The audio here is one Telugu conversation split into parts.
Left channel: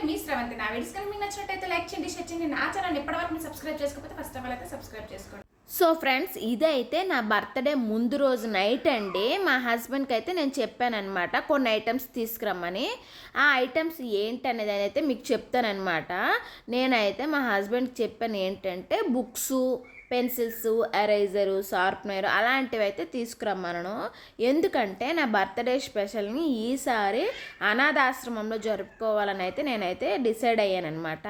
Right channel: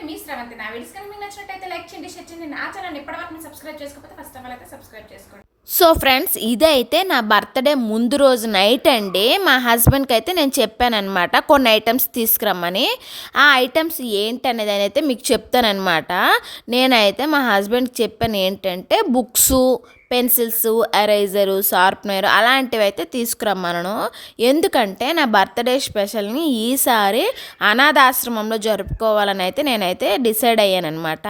నేను మీ శ్రవంతి. నా వీడియోస్ కానీ మీకు నచ్చినట్టయితే లైక్ చేయండి షేర్ చేయండి. నా ఛానల్ ఇప్పటివరకు మీరు సబ్స్క్రైబ్ చేసుకోకపోతే ఫస్ట్ ఆఫ్ ఆల్ అయితే సబ్స్క్రైబ్ చేసుకోండి. సో ఫ్రెండ్స్ ఇదైతే నా బర్త్డే ముందు రోజు నైట్ అండి. మా హస్బెండ్కి అయితే నేను చెప్పానమాట కొన్ని ఐటమ్స్ తీసుకురమ్మని. ఆ ఐటమ్స్ ఏంటనేది అయితే మీకు చెప్తానమాట నేనైతే మా హస్బెండ్కి చెప్పాను ఏంటంటే బుక్స్ పెన్సిల్స్ ఎరైజరు షార్ప్నర్ అలాంటివి అయితే తీసుకురమ్మను ఎందుకంటే నా బర్త్డే స్పెషల్ని ఈసారి అనాథాశ్రమంలో జరుపుకోవాలని అయితే నేనైతే డిసైడ్ అయ్యాను అనమాట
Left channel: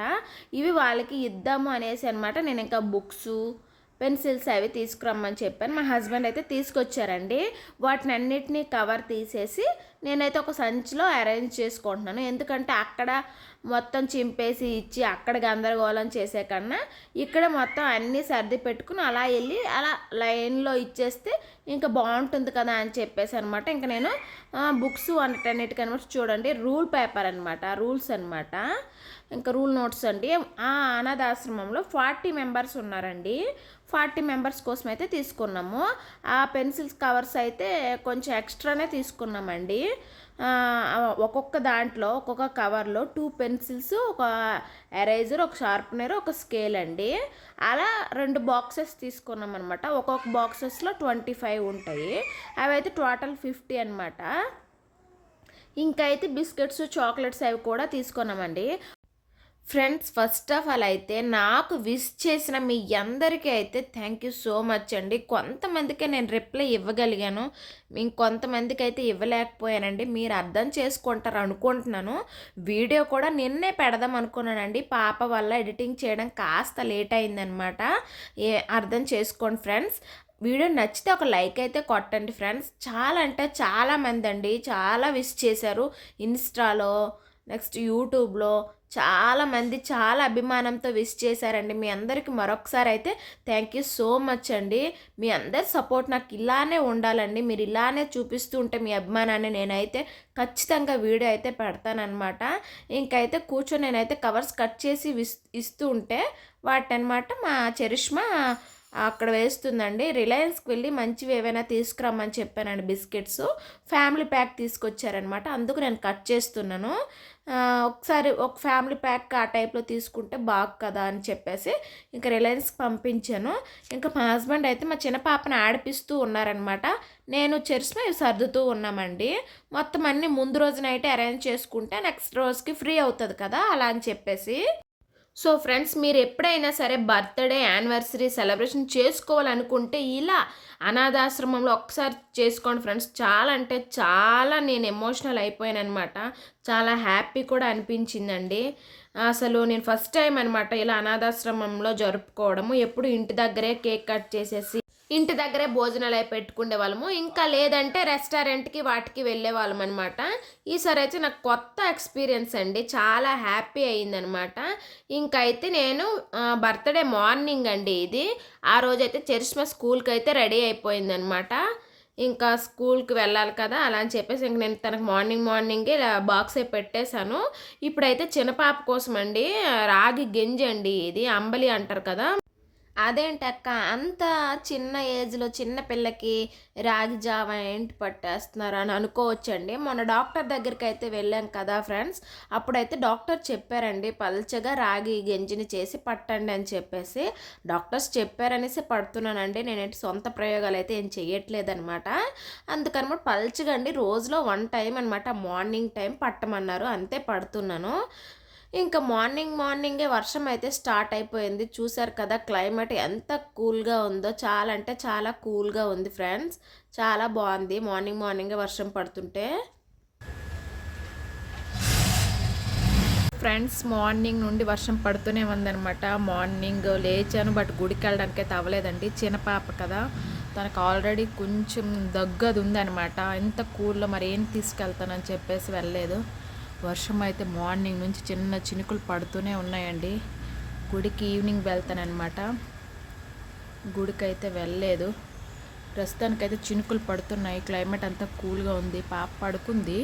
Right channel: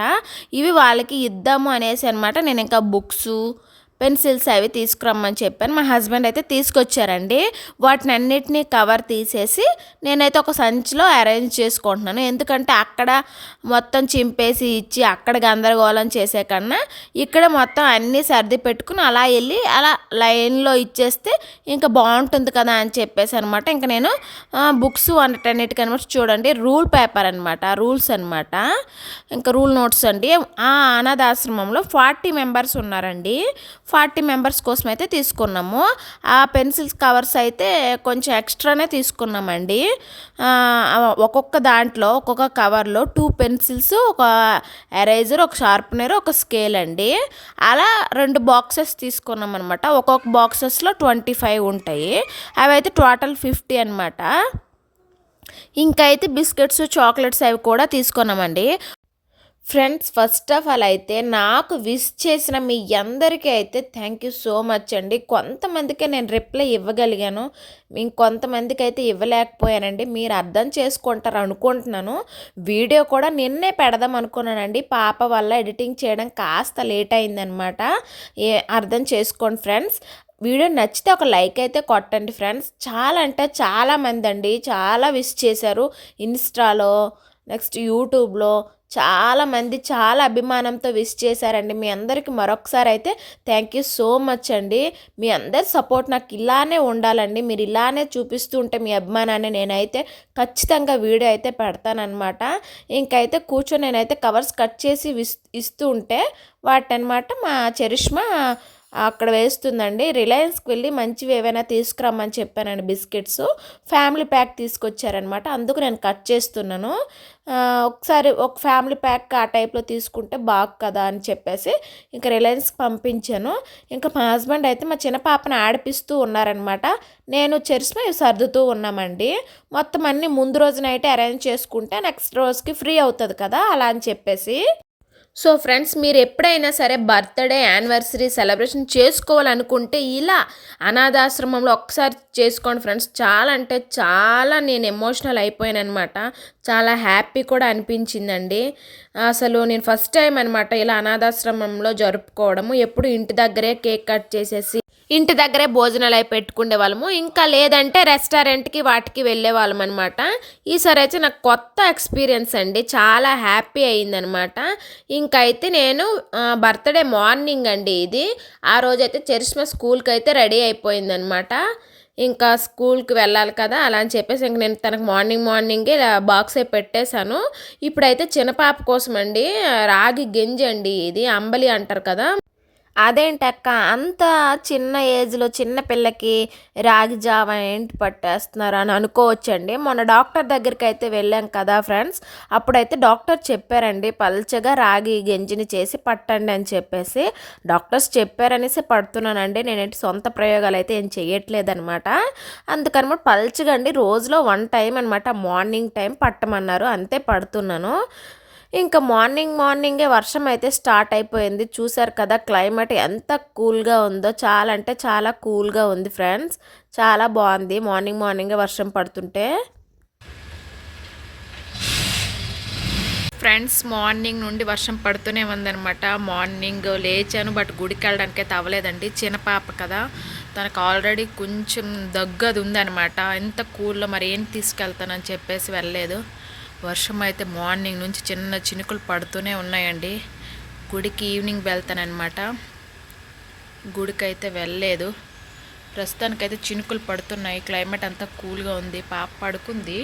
ఇవి వాళ్ళకి ఇద్దాము అనేసి అనమాట నేను ఇంకా బుక్స్ పెన్సిల్స్ అవి తీసుకురమ్మని చెప్పాను. మా హస్బెండ్ అయితే తీసుకొచ్చారండి. వాటిని అన్నిటినీ కవర్ తీసేసి నేనైతే ఒక సంచిలో అరేంజ్ చేసుకుంటున్నాను. ఎందుకంటే అక్కడ మొత్తం చింపేసి ఇచ్చి అక్కడ గందరగోళం చేసే కన్నా ఇక్కడ మొత్తం అన్నీ సర్ది పెట్టుకుని అలా వెళ్ళి అలా లైన్లో ఇచ్చేస్తే ఇంకా బాగుంటుంది కదా అని చెప్పేసి అనమాట ఇంకా నేను బుక్స్ వాటన్నిటికి అనమాట చూడండి. రూల్ పేపర్ అనమాట రూల్స్ అనమాట ఇంకా రూల్ నోట్స్ అండి. ఆ అనాథాశ్రమంలో ఫార్టీ మెంబర్స్ ఉన్నారండి. ఫార్టీ మెంబర్స్ కోసం అయితే తీసుకున్నాము. ఆ పెన్సిల్స్ కవర్స్ అయితే కొంచెం ఎక్స్ట్రానే తీసుకున్నామండి. ఒక్కొక్క దాంట్లో ఒక్కొక్క కవర్లో టూ పెన్సిల్స్ ఒక ఎరేజర్ ఒక షార్ప్నర్ ఒక స్కేల్ అండి. అలా రెండు బాక్సెస్ తీసుకున్నాం అనమాట ఒక్కొక్క బాక్సెస్లో ట్వంటీ ఫైవ్ ఉంటాయి. అవి అయితే టోటల్ ఫిఫ్టీ అనమాట ఇంకా అయితే బిస్కెట్స్ చాక్లెట్స్ అవి కూడా తీసుకున్నామండి. ఫ్రెండ్స్ ఫస్ట్ ఆఫ్ ఆల్ అయితే నాకు విష్ చేసిన మీ అందరికీ అయితే థ్యాంక్ యూ సో మచ్ అండి. కొంతమందికే నేను రిప్లై ఇవ్వగలిగాను. ఇంకొంతమందికి అయితే ఇవ్వలేకపోయానండి. మీరు అర్థం చేసుకుంటారు అనుకుంటున్నాను. వీడియో కూడా నిన్నే పెడదాం అనుకున్నానండి. పాప వల్ల ఎడిటింగ్ చేయడం కాస్త లేట్ అయిందనమాట ఏ అర్థం చేసుకోండి ఫ్రెండ్స్. వీడియో నచ్చితే ఒక లైక్ అయితే కొట్టండి ఫ్రెండ్స్. చాలా అంటే చాలామంది అండి. చాలా విష్ చేశారు. ఇన్స్టాలో నెక్స్ట్ యూట్యూబ్లో చాలామంది చాలా అభిమానంతో విష్ చేశారండి. మీ అందరికీ మరొకసారి అయితే థ్యాంక్ యూ సో మచ్ అండి. మీ అందరి సపోర్ట్ నాకు ఇలానే ఉండాలండి. మీరు ఇలానే చూపిస్తూ ఉంటే మీ అభిమానాన్ని నేనైతే ఖచ్చితంగా వీడియో అయితే పెడతానమాట ఇంకైతే కూర్చొని నేనైతే కవర్స్ కట్ చేసి విస్ ఇస్తూ ఉంటే వాటనమాట మా చరిష్మా అక్కడ వేస్తుందండి. రిలయన్స్కి వెళ్ళి మంచివి ఏవైనా తీసుకురమ్మని చెప్పానండి బిస్కెట్స్. ఫ్యామిలీ ప్యాక్ తీసుకొచ్చారనమాట. అందుకు నేను కట్ చేస్తున్నాను. ఒకసారి ఒక ఫ్యామిలీ ప్యాక్ ఆ టైప్లో తీసుకుంటే బాగు కదా అని చెప్పేసి ఇంకా రిలయన్స్కి పంపించాను. ఇంకా మా హస్బెండ్ అయితే మా చిన్న పాపని ఆడిపిస్తూ ఉన్నారనమాట. నేను చెరిసిమ సర్దుతూ ఉన్నామండి. మొత్తం అన్నీ ముందు రోజునైతే అరేంజ్ చేసుకుంటే నెక్స్ట్ రోజుకి ఫ్రీ అవుతుంది కదా అలా అని చెప్పేసి. సో ఫ్రెండ్స్ మీరు ఎప్పుడైనా సరే బర్త్డే యానివర్సరీ సెలబ్రేషన్ చేసుకోవాలనుకుంటే ఇలా అనాథాశ్రమంలో ఒక్కసారి చేసుకోండి ఫ్రెండ్స్. చాలా అంటే చాలా నేను ఎమోషనల్ అయిపోయాను అనమాట చాలా హ్యాపీ కూడా అనిపించిందండి. అసలు నేను ఫస్ట్ టైం అనమాట ఇలా అనాథాశ్రమంలో జరుపుకోవడము. ఎప్పుడు ఇంటి దగ్గరే కేక్ కట్ చేసేసి ఇంటి దగ్గరే భోజనాలు అయి పెట్టుకునే వాళ్ళము. ఇంకా లేదంటే రెస్టారెంట్కి వాటికి వెళ్ళే వాళ్ళం అనమాట ఈసారి అయితే నాకు కొత్త ఎక్స్పీరియన్స్ అండి. చాలా హ్యాపీ అయిందనమాట ఇంకైతే నేను బర్త్డే మార్నింగ్ అండి ఇది. ఆ రోజైతే చరిష్మా స్కూల్కి అయితే రెడీ అయిపోయిందనమాట ఇంకా స్కూల్కి వెళ్ళాలి కదా అలా అని చెప్పేసి ఇంక నేను తనకు మార్నింగ్ మార్నింగే బాక్స్ అయి పెట్టేశాను. ఇప్పుడైతే చిన్నపాప కోసం అండి రాగి గింజ అండి ఇది. అంబలి అంటారు కదా. అదేంటక్క అంత చిన్న ఏజ్లో చిన్న పిల్లకి రాగి జావ ఏంటి పట్టేస్తున్నారు అని అనుకోవచ్చండి. మొన్న డాక్టర్ దగ్గరికి అయితే వెళ్ళాం కదా ఫ్రెండ్స్. అప్పుడైతే డాక్టర్ చెప్పారండి పల్చగా రాగి గెంజిని చేసి పట్టండి అని చెప్పేసి. డాక్టర్స్ చెప్పారనేసి పడుతున్నానండి. నేనేంటి సొంత ప్రయోగాలు అయితే ఏం చేయట్లేదనమాట అందుకనమాట పల్చగా అండి రోజులో వన్ టైం అనమాట మార్నింగ్ టైం పట్టమన్నారు. అంతే పడుతున్నాను. ఇంకా మార్నింగ్ మార్నింగే వర్షం అయితే స్టార్ట్ అయిపోయింది. చూసారు కదా క్లైమేట్ ఎంత కూల్గా ఉందో చాలా అంటే చాలా కూల్గా ఉంది ఫ్రెండ్స్. చాలా బాగుంది మార్నింగ్ మార్నింగే వర్షం పడుతుంటే. ఫ్రెండ్స్ మార్నింగ్ నుండి వర్షం పడుతూనే ఉందనమాట మార్నింగ్ లేచాను బట్ గుడికి వెళ్ళడానికి అయితే అవ్వలేదండి చిన్న పాప కదా తనకు ఆల్రెడీ కొంచెం దగ్గది ఉందనమాట ఎంత కూల్లో మరి ఏం తీసుకెళ్తానని చెప్పేసి వెళ్ళలేదు. వర్షం అయితే మార్నింగ్ నుంచి చిన్న చినుకులు పడుతూనే ఉన్నాయండి. గుడికి ఈవినింగ్ వెళ్తానమాట గుడికి అయితే వెళ్ళలేదు. ప్రస్తుతానికైతే చినుకులు పడుతున్నాయి. క్లైమేట్ అంతా కూల్గా ఉంది. పాప పడుకుంది.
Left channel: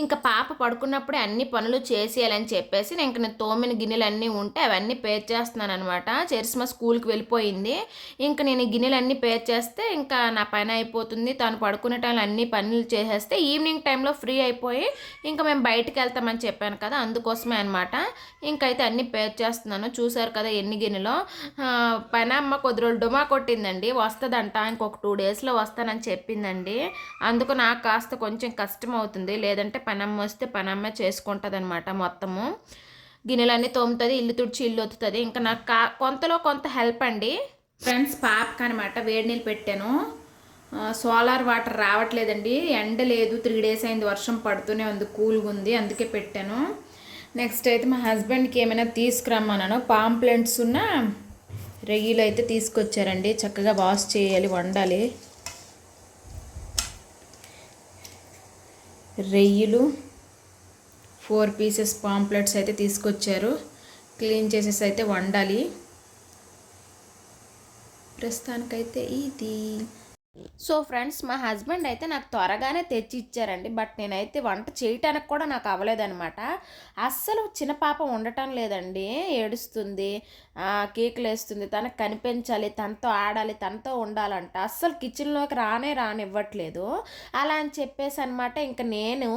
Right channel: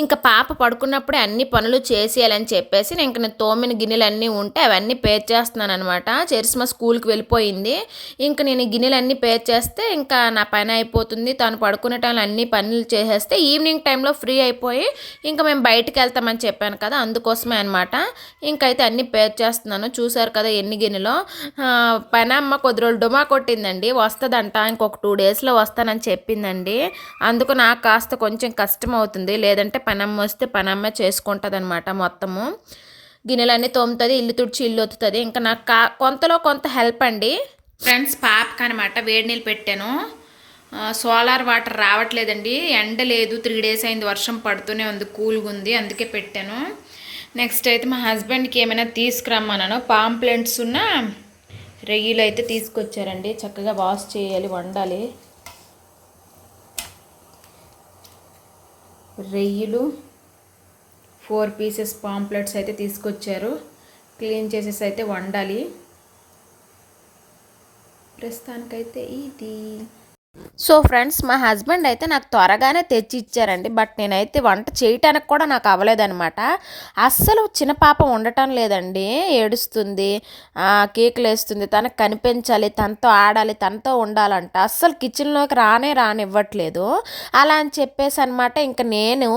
ఇంకా పాప పడుకున్నప్పుడే అన్ని పనులు చేసేయాలని చెప్పేసి నేను ఇంకా తోమిన గిన్నెలు అన్నీ ఉంటే అవన్నీ పేర్ చేస్తున్నాను అనమాట చరిస్మా స్కూల్కి వెళ్ళిపోయింది. ఇంకా నేను గిన్నెలన్నీ పేర్ చేస్తే ఇంకా నా పని అయిపోతుంది. తను పడుకునే టైంలో అన్ని పనులు చేసేస్తే ఈవినింగ్ టైంలో ఫ్రీ అయిపోయి ఇంకా మేము బయటికి వెళ్తామని చెప్పాను కదా అందుకోసమే అనమాట ఇంకైతే అన్ని పేర్ చేస్తున్నాను. చూసారు కదా ఎన్ని గిన్నెలో. ఆ, పని అమ్మ కొద్ది రోజులు డుమా కొట్టిందండి. వస్తుందంట ఇంకొక టూ డేస్లో వస్తానని చెప్పిందండి. అందుకు నాకు కాస్త కొంచెం కష్టం అవుతుంది లేదంటే పనమ్మ వస్తే పనమ్మ చేసుకుంటుంది అనమాట మొత్తము. గిన్నెలన్నీ తోముతుంది ఇల్లు తుడిచి ఇల్లు ఒత్తుతుంది. ఇంకా నాకు కా కొంతలో కొంత హెల్ప్ అండి. ఫ్రెండ్స్ పాపకి అనమాట వేడి నీళ్ళు పెట్టాను. సోలార్ వాటర్ రావట్లేదండి. ఎండ లేదు త్రీ డేస్ అయింది వర్షం పడుతూనే ఉంది కూల్గా ఉంది అందుకే పెట్టాను. నెక్స్ట్ అయితే మా హస్బెండ్కి ఏమైనా తీసుకురమ్మన్నాను పాంప్లెంట్స్ ఉన్న రొయ్యలు అయితే తీసుకొచ్చారండి. చక్కగా వాష్ చేయాలి వండాలి. రొయ్యలు ఫోర్ పీసెస్ పాంప్లెట్స్ అయితే తీసుకొచ్చారు. క్లీన్ చేసేసి అయితే వండాలి. ప్రస్తుతానికైతే ఇది. సో ఫ్రెండ్స్ మా హస్బెండ్ అయితే నాకు త్వరగానే తెచ్చి ఇచ్చారండి బట్ నేనైతే వంట చేయటానికి కూడా నాకు అవ్వలేదనమాట అస్సలు చిన్న పాప ఉండటం లేదండి. ఏడుస్తుంది కేకులు వేస్తుంది తనకు కనిపించాలి తనతో ఆడాలి తనతో ఉండాలంట. అస్సలు కిచెన్లోకి రానే రానివ్వట్లేదు. అలా అని చెప్పేసి అనమాట ఇంకా నేను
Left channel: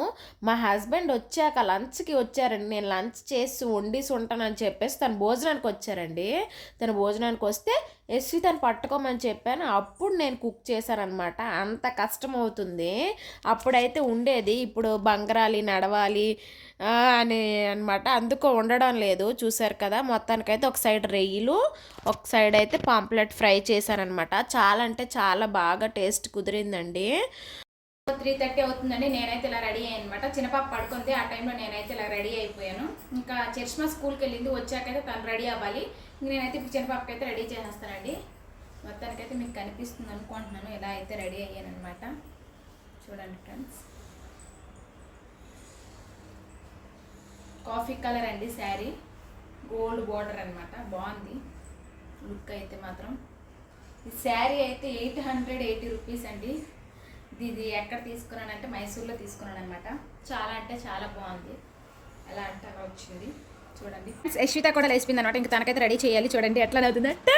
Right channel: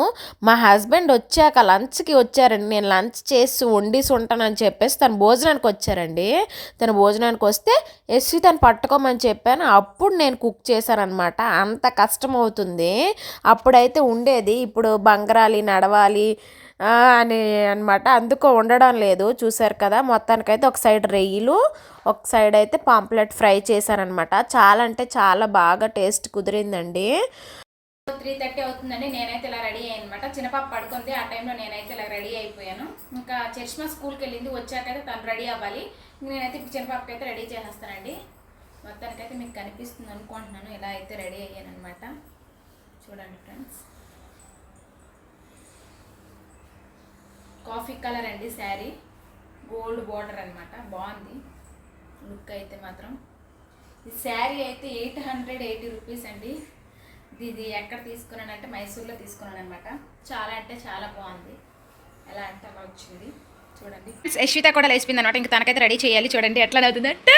మా హస్బెండ్ వచ్చాక లంచ్కి వచ్చారండి. నేను లంచ్ చేసి వండిసి ఉంటానని చెప్పేసి తను భోజనానికి వచ్చారండి. తను భోజనానికి వస్తే ఎస్వి తను పట్టుకోమని చెప్పాను. అప్పుడు నేను కుక్ చేశాను. చేశానమాట అంత కష్టం అవుతుంది అప్పుడైతే ఉండేది. ఇప్పుడు బంగరాలి నడవాలి అని అనమాట అందుకో ఉండడం లేదు. చూసారు కదా మొత్తానికైతే ఒక సైడ్ రొయ్యలు ఒక సైడ్ అయితే పాంప్లెట్ ఫ్రై చేశానమాట చాలా అంటే చాలా బాగా టేస్ట్ కుదిరిందండి. త్రీ థర్టీ అవుతుందండి. నేనైతే ఇలా రెడీ అయ్యాను అనమాట చిన్నపాప పడుకుంది. ఆ టైంలో నేనైతే ఇలా రెడీ అయిపోయాను. ఇంకా చర్చ్మా స్కూల్కి వెళ్ళింది. వచ్చాకైతే తను రెడీ అవ్వాలి. నేనైతే ఇప్పుడు చిన్నపాపకి అయితే రెడీ చేసేస్తానండి. మొత్తానికైతే మీకు కనిపిస్తుంది అనుకుంటున్నాను. ఎలా అయితే రెడీ అయ్యాను అనమాట చూడండి ఫ్రెండ్స్. కాఫీ కలర్ అండి శారీ. గోల్డ్ బార్డర్ అనమాట బాగుంది. లుక్ అయితే మాత్రం. ఈ శారీ అయితే ఎయిట్ హండ్రెడ్ ఎయిటీ రూపీస్ అండి. ఇది ఎక్కడ తీసుకున్నానంటే మైసూర్లో తీసుకున్నాను అనమాట చాలా అంటే చాలా బాగుంది. ఎలా అంటే అలా వచ్చింది. చూడండి. యశ్విత కూడా లేచిపోయింది అనమాట ఇంకా తనకైతే రెడీ చేయాలి. చూడండి ఎట్లా అవుతుందంటే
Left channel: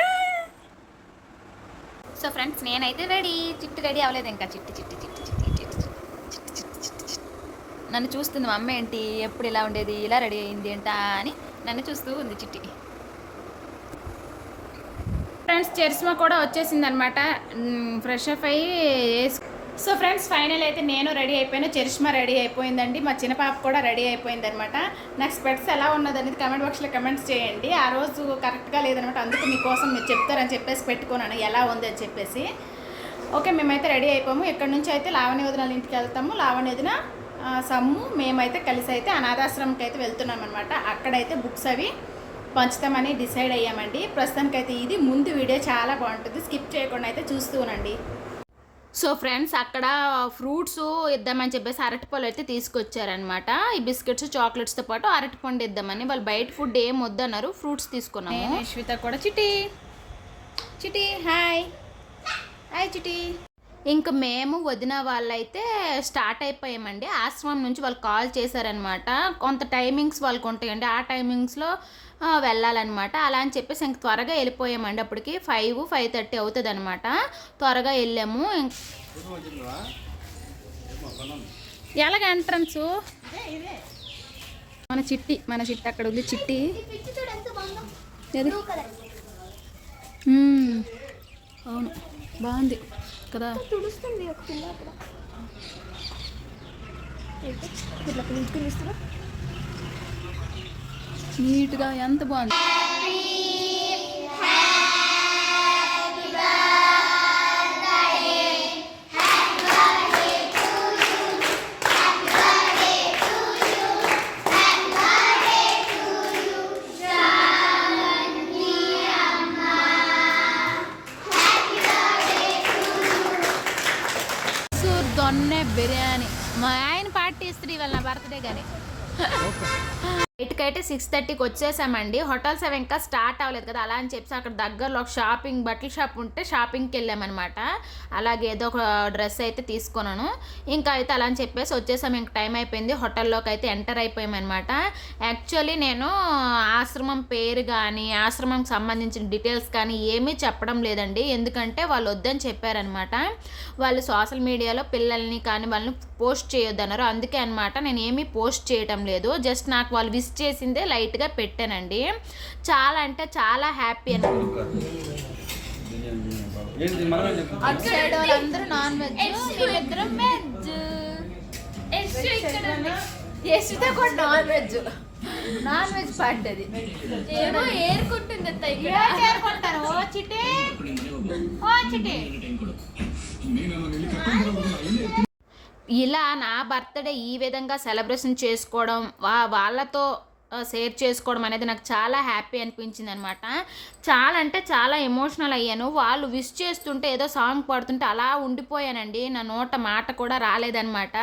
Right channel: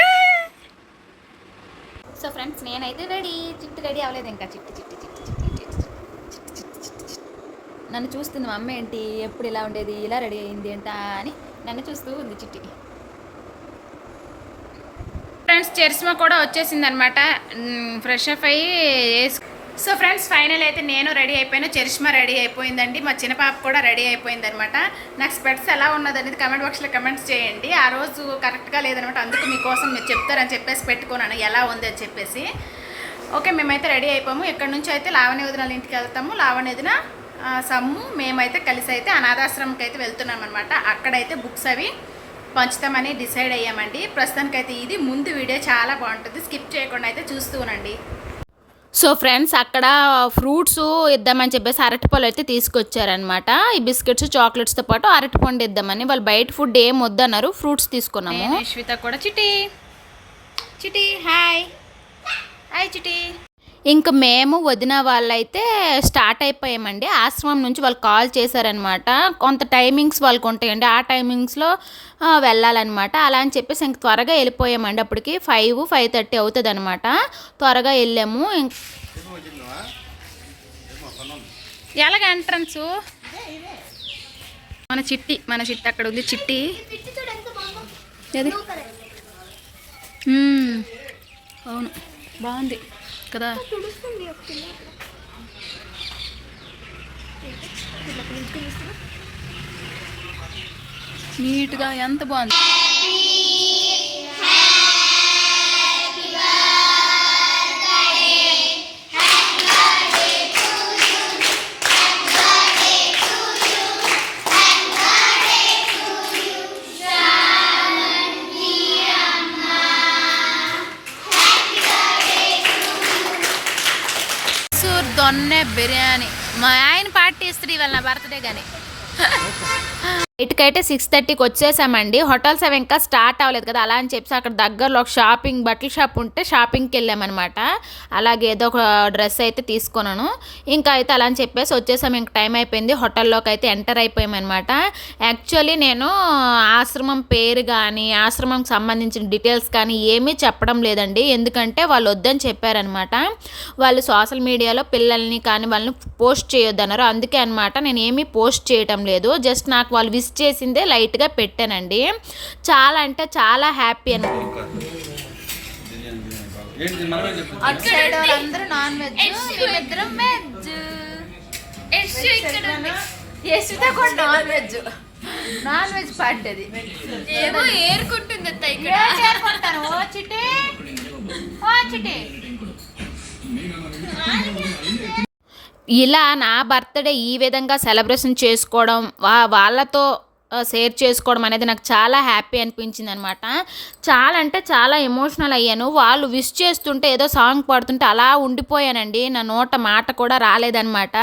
సో ఫ్రెండ్స్ నేనైతే రెడీ చిట్టి రెడీ అవ్వలేదు ఇంకా చిట్టి చిట్టి చిట్టి చిట్టు చిట్టి నన్ను చూస్తుంది మా అమ్మ ఏంటి ఎప్పుడు ఇలా ఉండేది ఇలా రెడీ అయింది ఏంట అని నన్ను చూస్తూ ఉంది చిట్టి ఫ్రెండ్స్ చరిష్మా కూడా వచ్చేసింది అనమాట ఫ్రెష్ అప్ అయ్యి వేసుకు సో ఫ్రెండ్స్ ఫైనల్ అయితే నేను రెడీ అయిపోయాను చరిష్మా రెడీ అయిపోయిందండి మా చిన్న పాప కూడా రెడీ అయిపోయింది అనమాట నాకు స్పెట్స్ ఎలా ఉన్నది అనేది కమెంట్ బాక్స్లో కమెంట్స్ చేయండి. ఆ రోజు కరెక్ట్గా లేదనమాట అందుకు మీకోసం మీరు చెప్తారని చెప్పేసి పెట్టుకున్నాను ఎలా ఉంది అని చెప్పేసి. ఓకే మేమైతే రెడీ అయిపోము. ఇక్కడ నుంచి అయితే లావణ్య వదిన వాళ్ళ ఇంటికి వెళ్తాము. లావణ్య వదిన సమ్ము మేమైతే కలిసి అయితే అనాథాశ్రమంకి అయితే వెళ్తున్నాం అనమాట అక్కడైతే బుక్స్ అవి పంచుతామని డిసైడ్ అయ్యామండి. ప్రస్తుతానికైతే ఇది. ముందు వీడియో చాలా బాగుంటుంది. స్కిప్ చేయకుండా అయితే చూస్తూ ఉండండి. సో ఫ్రెండ్స్ అక్కడ ఫ్రూట్స్ ఇద్దామని చెప్పేసి అరటిపళ్ళు అయితే తీసుకొచ్చారనమాట ఈ బిస్కెట్స్ చాక్లెట్స్తో పాటు అరటిపండు ఇద్దామని. వాళ్ళు బయట ఫుడ్ ఏం వద్దన్నారు ఫ్రూట్స్ తీసుకున్నాము. నేను కూడా చిటి. చిటి హాయ్. హాయ్ చిటి. ఇంక మేము వదిన వాళ్ళైతే స్టార్ట్ అయిపోయామండి. ఆశ్రమం నుంచి వాళ్ళు కాల్ చేశారనమాట కొంత టైమింగ్స్ వాళ్ళకు ఉంటాయండి ఆ టైమింగ్స్లో వెళ్ళాలన్నమాట. అలా అని చెప్పేసి ఇంక త్వరగా వెళ్ళిపోయామండి అప్పటికి. ఫైవ్ ఫైవ్ థర్టీ అవుతుంది అనమాట త్వరగా వెళ్ళాము. ఇంక ఎలాగ ఎంట్రన్స్? మన చిట్టి మన చిట్టి అక్కడ ఉంది. చిట్టి. అవును. బాగుంది. కదా. నీట్గా ఎంత బాగుంది? బిర్యానీ. మా ఆయన పార్టీ ఇస్తుంది ఇవాళ నా బర్త్డే కానీ ఇటుకైతే సిక్స్ థర్టీకి వచ్చేసామండి. హోటల్స్ అవి ఇంకా స్టార్ట్ అవ్వలేదు కదా అలా అని చెప్పి అక్కడ దగ్గరలో ఒక షాపింగ్ బట్టల షాప్ ఉంటే షాపింగ్కి వెళ్ళామన్నమాట. అలాగే ఏదో ఒక డ్రెస్ అయితే తీసుకున్నాను. ఇంకా అయితే అలా అని చెప్పేసి వచ్చేసాం ఇంక టైం అయిపోయింది. హోటల్లోకి అయితే ఎంటర్ అయిపోయామన్నమాట. యాక్చువల్లీ నేను ఆశ్రమం పేరు కానీ ఆశ్రమంకి సంబంధించిన డీటెయిల్స్ కానీ ఏమీ చెప్పడం లేదండి. ఎందుకంటే వాళ్ళు వద్దని చెప్పారనమాట వాళ్ళు సోషల్ మీడియాలో పిల్లల్ని కానీ వాళ్ళని పోస్ట్ చేయొద్దన్నారు. అందుకే అనమాట నేను ఏమీ పోస్ట్ చేయటం లేదు. జస్ట్ నాకు వాళ్ళు విస్ చేసిందే లైట్గా పెట్టానండి. చాలా అంటే చాలా హ్యాపీ అని నాన్ వెజ్ నాన్ ఏమో ఏరుకుంటుంది. అత్త ఇక్కడ ఓ చిటే ఓ చిటే ఇలా నా బర్త్డే ఈ విధంగా సెలబ్రేషన్ చేసుకోవడం వా వాళ్ళతో షేర్ చేసుకోవడం అనేది నాకు చాలా హ్యాపీ అనిపించింది అనమాట చాలా అంటే చాలా ఎమోషనల్ అయ్యాను. వాళ్ళు విష్ చేస్తుంటే ఏదో సాంగ్ పాడుతుంటే అలా ఉండిపోయానండి. నా నోట మాట కూడా రాలేదనమాట.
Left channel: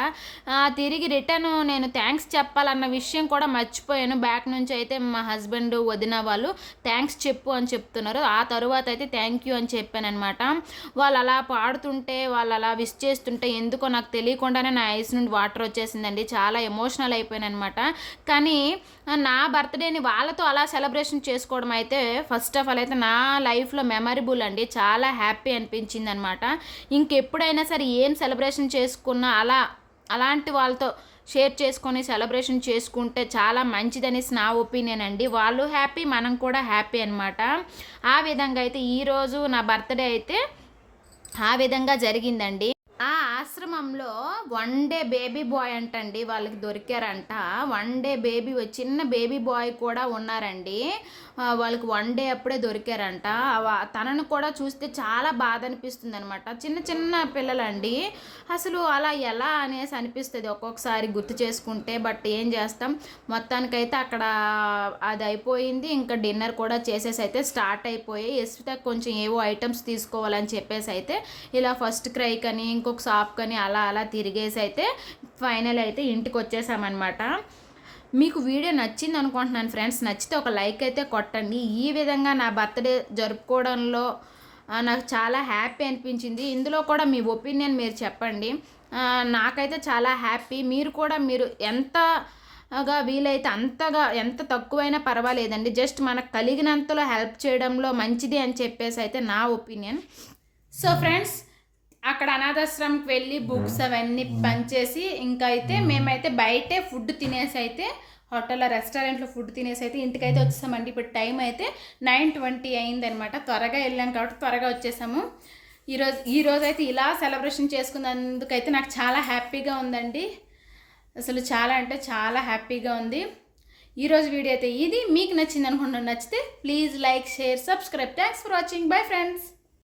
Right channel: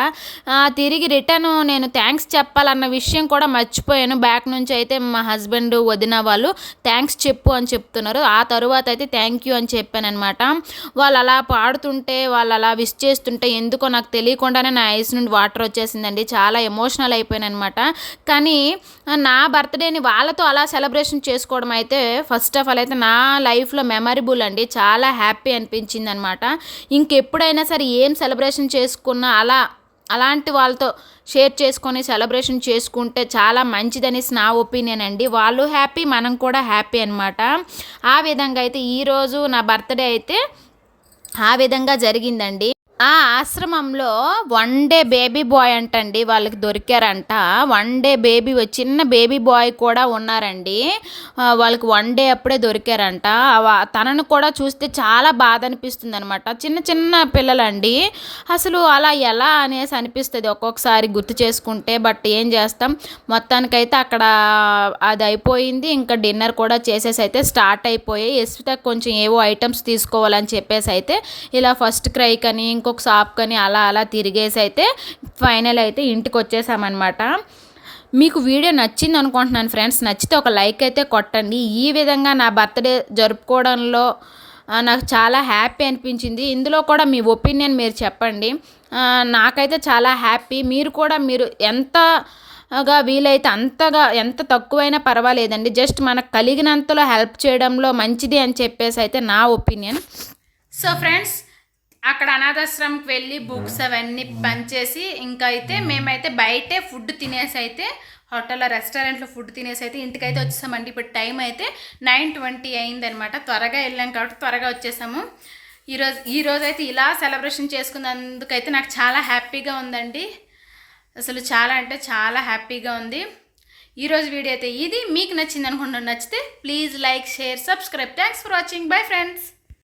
తిరిగి రిటర్న్ నేను థ్యాంక్స్ చెప్పాలన్న విషయం కూడా మర్చిపోయాను. బ్యాక్ నుంచి అయితే మా హస్బెండ్ వదిన వాళ్ళు థ్యాంక్స్ చెప్పు అని చెప్తున్నారు. ఆ తరువాత అయితే థ్యాంక్ యూ అని చెప్పాను అనమాట వాళ్ళు అలా పాడుతుంటే వాళ్ళు అలా విష్ చేస్తుంటే ఎందుకో నాకు తెలియకుండానే నా ఐస్ నుండి వాటర్ వచ్చేసిందండి. చాలా ఎమోషనల్ అయిపోయాను అనమాట కానీ నా బర్త్డేని వాళ్ళతో అలా సెలబ్రేషన్ చేసుకోవడం అయితే ఫస్ట్ ఆఫ్ ఆల్ అయితే నా లైఫ్లో మెమరబుల్ అండి. చాలా హ్యాపీ అనిపించింది అనమాట ఇంకెప్పుడైనా సరే ఏం సెలబ్రేషన్ చేసుకున్నా అలా అలాంటి వాళ్ళతో షేర్ చేసుకొని సెలబ్రేషన్ చేసుకుంటే చాలా మంచిదనేసి నా ఒపీనియన్ అండి. వాళ్ళు హ్యాపీ మనం కూడా హ్యాపీ అనమాట ఆ విధంగా అయితే ఈరోజు నా బర్త్డే అయితే ఆ విధంగా జరిగిందండి. ఆ ఆశ్రమంలో వన్ డే బేబీ బాయ్ అంటండి వాళ్ళకి దొరికారంట. వన్ డే బేబీ చిన్న బేబీ బాయ్ కూడా ఉన్నారండి. వాళ్ళకి వన్ డే అప్పుడే దొరికారంట. తనను కూడా చూస్తే చాలా బాధ అనిపిస్తుంది అనమాట చిన్న చిన్న పిల్లలండి. అసలు అలా ఎలా అనేసి అనిపిస్తుంది ఒక్కొక్కసారి గుర్తు చేసుకుంటే బట్ ఏం చేస్తాం? మొత్తానికైతే అక్కడ అది అయిపోయింది. ఇంకా డిన్నర్ కూడా చేసేసి అయితే స్టార్ట్ అయిపోయాయి. ఎస్విత కొంచెం ఏవో ఐటమ్స్ తీసుకోవాలని చెప్పేసి అయితే ఇలా ఫస్ట్ క్రై కని ఇంకొక షాప్ అలా అలా తిరిగేసి అయితే ఫైనల్ అయితే ఇంటికి వచ్చేసామన్నమాట మీకు వీడియో నచ్చింది అనుకుంటున్నాను ఫ్రెండ్స్. నచ్చితే ఒక లైక్ అయితే కొట్టండి. ఈ విధంగా నా బర్త్డే జరుపుకోవడంలో నాకు చాలా హ్యాపీ అనిపించింది. ఇందులో కూడా మీ ఒపీనియన్ మీరు చెప్పండి. నాకైతే చాలా హ్యాపీ. మీరు కూడా మీరు ఎంత గా వీలైతే అంతగా ఎంత తక్కువైనా పర్వాలేదండి. జస్ట్ మనకు కలిగినంతలో హెల్ప్ చేయడంలో మంచిది అని చెప్పేసి అయితే నా ఒపీనియన్. సో ఫ్రెండ్స్ అక్కడ అనాథాశ్రమంకి వెళ్ళి బుక్స్ అవన్నీ పనిచేసి ఇంకా అయితే మేమైతే బయటే ఫుడ్ తినేసి అయితే హోటల్లో రెస్టారెంట్లో ఫుడ్ తినేసి అయితే ఇంటికైతే వచ్చేసామండి. ఇప్పుడు టైం అయితే నైన్ ట్వంటీ అయిందనమాట. త్వరగా వెళ్ళాం కాబట్టి త్వరగా వచ్చేసాము. ఈరోజు ఈరోజు అయితే ఇలా సెలబ్రేషన్ చేసుకున్నందుకైతే నాకు చాలా హ్యాపీగా ఉందండి. అసలు చాలా అంటే చాలా హ్యాపీగా ఉంది. ఈరోజు వీడియో అయితే ఇది. మీకు నచ్చింది అనుకుంటున్నాను నచ్చితే please like share subscribe. Thanks for watching bye friends